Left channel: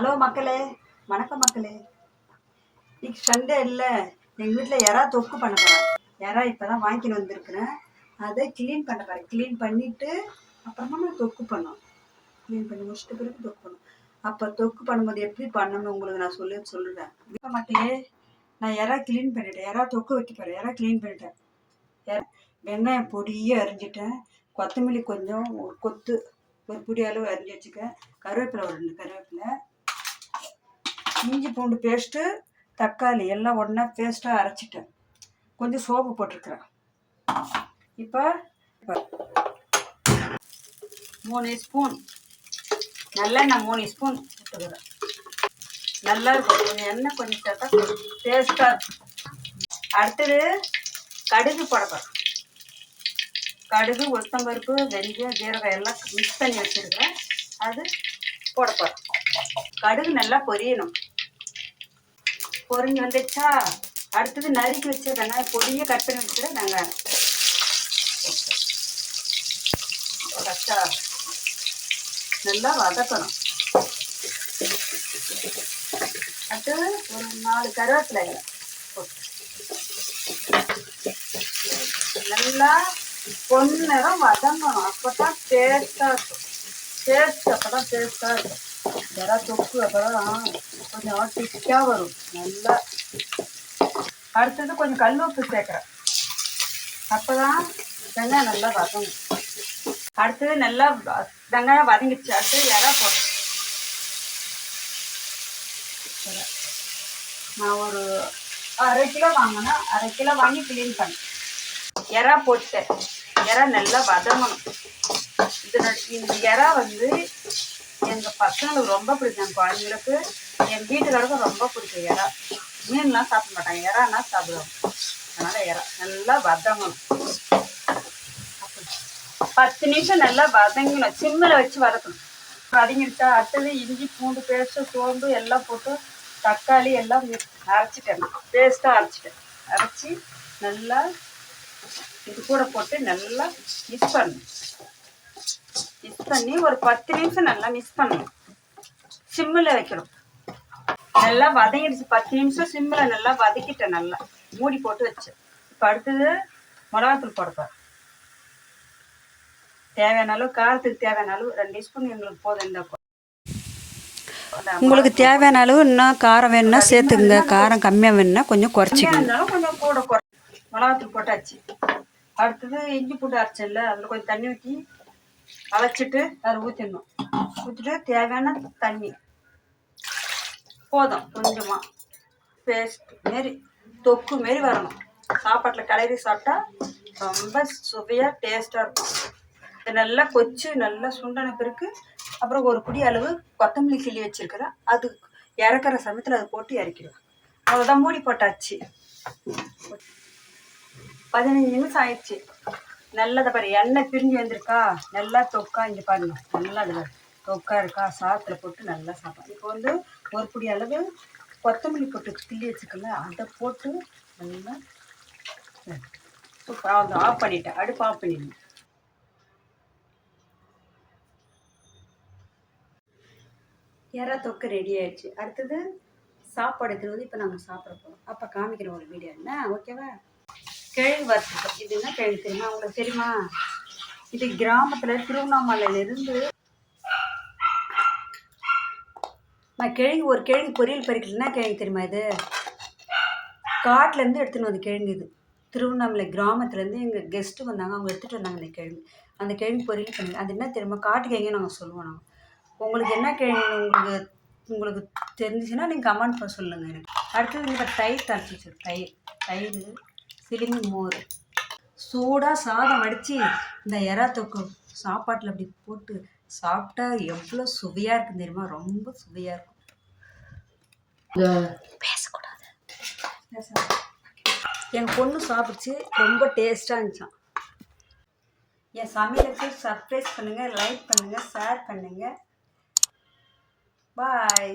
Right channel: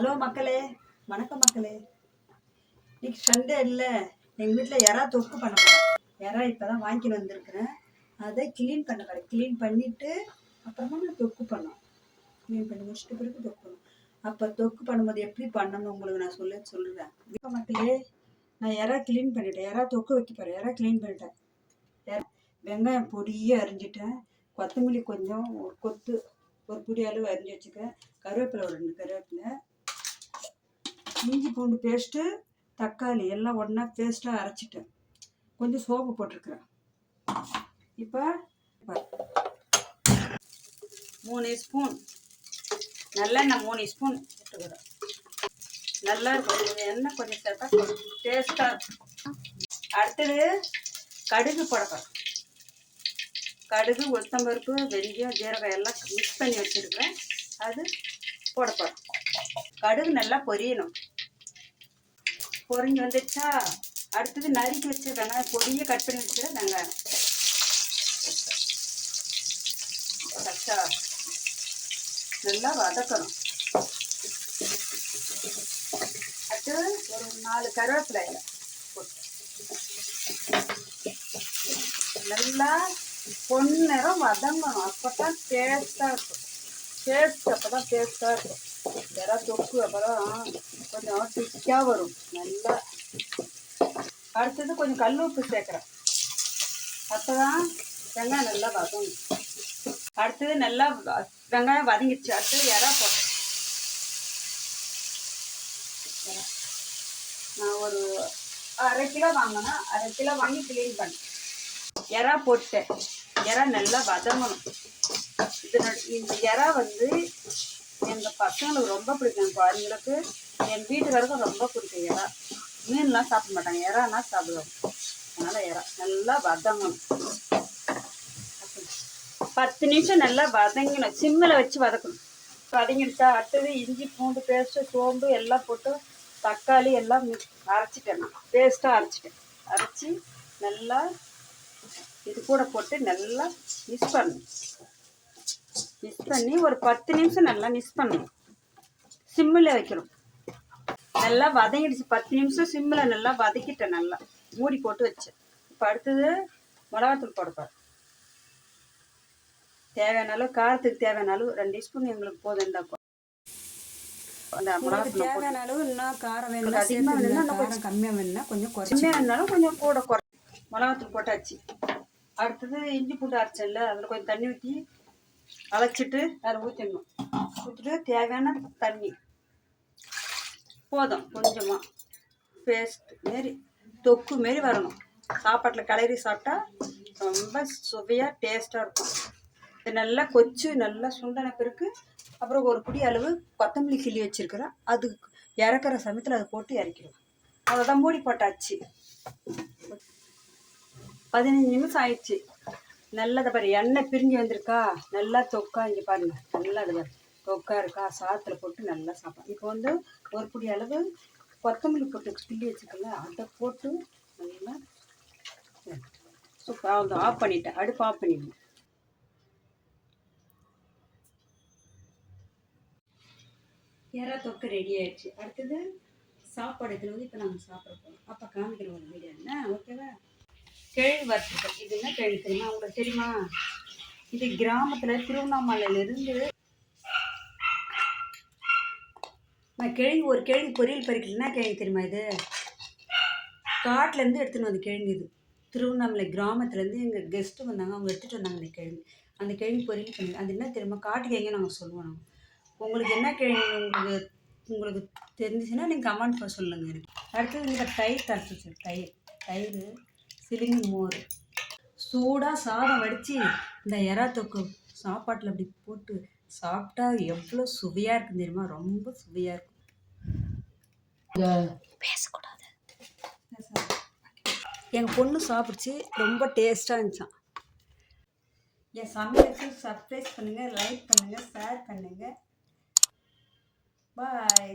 Hello மக்களே வணக்கம் மக்களே. இன்னைக்கு சண்டே இல்லை. எங்கள் வீட்டில் எறா தொக்கு பண்ண போகிறேன் எறா இப்போ தான் வாங்கிட்டு வந்திருக்கிறேன். அதை க்ளீன் பண்ண போகிறேன் க்ளீன் பண்ணிவிட்டு அப்புறமா நான் தொக்கு பண்ணோம் க்ளீன் பண்ணி முடிச்சிட்டு பிறகு தொக்கு பண்ணும் அப்போ தொக்கு பண்ணும்போது எப்படி பண்ணணும்னு உங்களுக்கு நான் சொல்லி சொல்லுறேன் இப்போ மக்களே நான் எறா க்ளீன் பண்ணிட்டேன்? எறா தொக்கு வைக்க போகிறேன் எறா க்ளீன் பண்ணிட்டேன்? எறா வெங்காயம் பொடியாக அரிஞ்சிட்டேன். கொத்தமல்லி கொஞ்சம் ஒரு கொத்து ஒரு பொடி அளவு அரிஞ்சு வச்சுக்க கருவேப்பிலை ஒரு ரெண்டு கருவேப்பிலை. இஞ்சி பூண்டு பேஸ்ட்டு தக்காளி எல்லாம் ஒன்றா பேஸ்ட்டாக அரைச்சிட்டேன். கொஞ்சம் சோப்பு போட்டிருக்கிறேன். இப்போ மூணு ஸ்பூன் நல்லெண்ணெய் மூணு ஸ்பூன் போட்டுக்கிறேன் நல்லா இருக்கும். கொஞ்சம் எண்ணெய் கொஞ்சம் சேர்த்தா கொஞ்சம் டேஸ்ட்டாக இருக்கும். அடுத்தது கடுகு போடப்போம் கடுகு உளுத்தம்பருப்பு வெந்தயம் ஜீரகம் எல்லாம் மிக்ஸ் பண்ணி வச்சுருக்கிறேன். அது போடப்போம் கடுகு நல்லா பொரியணும். பொரிஞ்சு வந்துச்சா அடுத்தது நறுக்கி வச்சிருக்கேன். பொடியை கட் பண்ணி வச்சுருக்கேன். நாங்கள் கச்சா நல்லா வதக்கணும். அடுத்து ஒரு நாலு கருவேப்பிலை நல்லா பொன்னிறம் வதங்கணும். அப்போ தான் டேஸ்ட்டாக இருக்கும். டேஸ்ட் அப்போ தான் டேஸ்ட்டாக இருக்கும். ஜரா தொக்கு அப்புறம் கொஞ்சம் திக்காக வரும் நல்லா அடுத்தது கொஞ்சம் கல் உப்பு சேர்க்குறேன் அப்போ தான் வெங்காயம் நல்லா வதங்கும் அடுத்தது நல்லா வெங்காயம் வதங்கிடுச்சு அடுத்தது இறா போட்டேன் நான் ஒரு அரை கிலோ வாங்கினேன் அரை கிலோ வாங்கி க்ளீன் பண்ணேன் எறா போட்டேன் எறா நல்லா வதங்கணும் இதனோட இந்த எறா வந்து பசங்களுக்கு ரொம்ப பிடிக்கும். குழந்தைங்களுக்கு என் வீட்டுக்காரருக்கும் ரொம்ப பிடிக்கும். இறா மீன்லாம் சாப்பிட மாட்டாங்க. இறானா சாப்பிடுவோம் அதனால் இறா நல்லா வதங்கணும். பத்து நிமிஷம் நல்லா வதங்கணும். சிம்மில் வச்சு வதக்கணும். வதங்கிடுச்சா? அடுத்தது இஞ்சி பூண்டு பேஸ்ட்டு சோம்பு எல்லாம் போட்டு தக்காளி எல்லாம் அரைச்சிட்டேன். பேஸ்ட்டாக அரைச்சிட்டேன். அரைச்சி நல்லா இது கூட போட்டு நல்லா மிக்ஸ் பண்ணணும். மிக்ஸ் பண்ணி ஒரு பத்து நிமிஷம் நல்லா மிக்ஸ் பண்ணணும். சிம்மில் வைக்கணும். நல்லா வதங்கிடுச்சு. பத்து நிமிஷம் சிம்மில் நல்லா வதக்கிட்டேன் நல்லா. மூடி போட்டு வச்சேன். இப்போ அடுத்தது மிளகாத்தூள் போடப்பார் தேவையான அளவு காரத்துக்கு தேவையான அளவு ரெண்டு ஸ்பூன் எங்களுக்கு போதும் இந்த உங்களுக்கு தேவையான அளவு இன்னும் காரம் வேணும்னா சேர்த்துக்குங்க. காரம் கம்மியாக வேணும்னா கொஞ்சம் குறைச்சிக்கங்க. கொஞ்சம் கூட குறை மிளகாத்தூள் போட்டாச்சு. அடுத்தது இஞ்சி பூண்டு அரைச்சல்ல அதில் கொஞ்சம் தண்ணி ஊற்றி அரைச்சிட்டு அதில் ஊற்றிடணும் ஊற்றிட்டு தேவையான தண்ணி. போதும் கொஞ்சமாக பேஸ்ட் மாரி தொக்கு மாரி வரணும். சாப்பாட்டில் கலரி சாப்பிட்டா ரொம்ப சுவையாக டேஸ்ட்டாக இருக்கும். இது நல்லா கொச்சு நல்லா சுண்டன பிறகு அப்புறம் ஒரு குடி அளவு கொத்தமல்லி கிள்ளி வச்சுருக்கிறேன் அது இறக்குற சமயத்தில் அது போட்டு இறக்கிடுவேன் அவ்வளோதான் மூடி போட்டாச்சு. பதினஞ்சு நிமிஷம் ஆயிடுச்சு. நல்லதை பாரு எண்ணெய் பிரிஞ்சு வந்திருக்கா நல்லா தொக்கா இங்கே பாருங்க. நல்லா இருக்கு தொக்கா இருக்கா சாத்துல போட்டு நல்லா சாப்பிடும் இப்போ வந்து ஒரு பிடி அளவு கொத்தமல்லி போட்டு கிள்ளி வச்சுக்கல அதை போட்டு நல்லா சூப்பர் ஆஃப் பண்ணிட்டேன். அடுப்பு ஆஃப் பண்ணிடுங்க. எறா தொக்கு ரெடி ஆயிடுச்சு. அடுத்தது சாப்பாடு எடுத்துட்டு இப்போ நாங்கள் சாப்பிட போகிறோம் அப்போ காமிக்கிறோம் ஒரு வீடியோ என்ன? ஓகேவா கிழங்கு வறுத்து இது என்ன கிழங்கு தெரியுமா உங்களுக்கு தெரியுமா? இது கிராமத்தில் திருவண்ணாமலையிலேருந்து நான் கிழங்கு ஒரு கிழங்கு பொரியல் பறிக்கலன்னா கிழங்கு தெரியுமா இது? காட்டிலேருந்து எடுத்துன்னு வந்த கிழங்கு இது. திருவண்ணாமலை கிராமத்துலேருந்து எங்கள் கெஸ்ட்டு வந்தாங்க அவங்க எடுத்துகிட்டு வந்தாங்க அந்த கிழங்கு அந்த கிழங்கு பொரியல் பண்ணி அது என்ன தெரியுமா? காட்டு கிழங்கு நாங்கள் சொல்லுவோம் நாங்கள் உங்களுக்கு என்ன கிழங்கு உங்களுக்கு உங்களுக்கு தெரிஞ்சுச்சுன்னா நீங்கள் கமெண்ட் பண்ண சொல்லுங்கள் எனக்கு. அடுத்தது இப்போ தயிர் தரைச்சி வச்சிருக்கேன். தயிர் தயிர் சிலிங்கி மோர். சூடாக சாதம் வடித்து இந்த எறா தொக்கு சாப்பாட்டில் அப்படி போட்டு சாப்பிட்டா எவ்வளோ சுவையாக இருக்கும் தெரியுமா? ரொம்ப சுவையாக இருக்கும். பேசக்கூடாது. என் பொண்ணு சாப்பிடுச்சு ரொம்ப டேஸ்ட்டாக இருந்துச்சான் என் சமையலுக்கு சர்ப்ரைஸ் பண்ணுங்கள் லைக் பண்ணுங்கள் ஷேர் பண்ணுங்கள் பாய்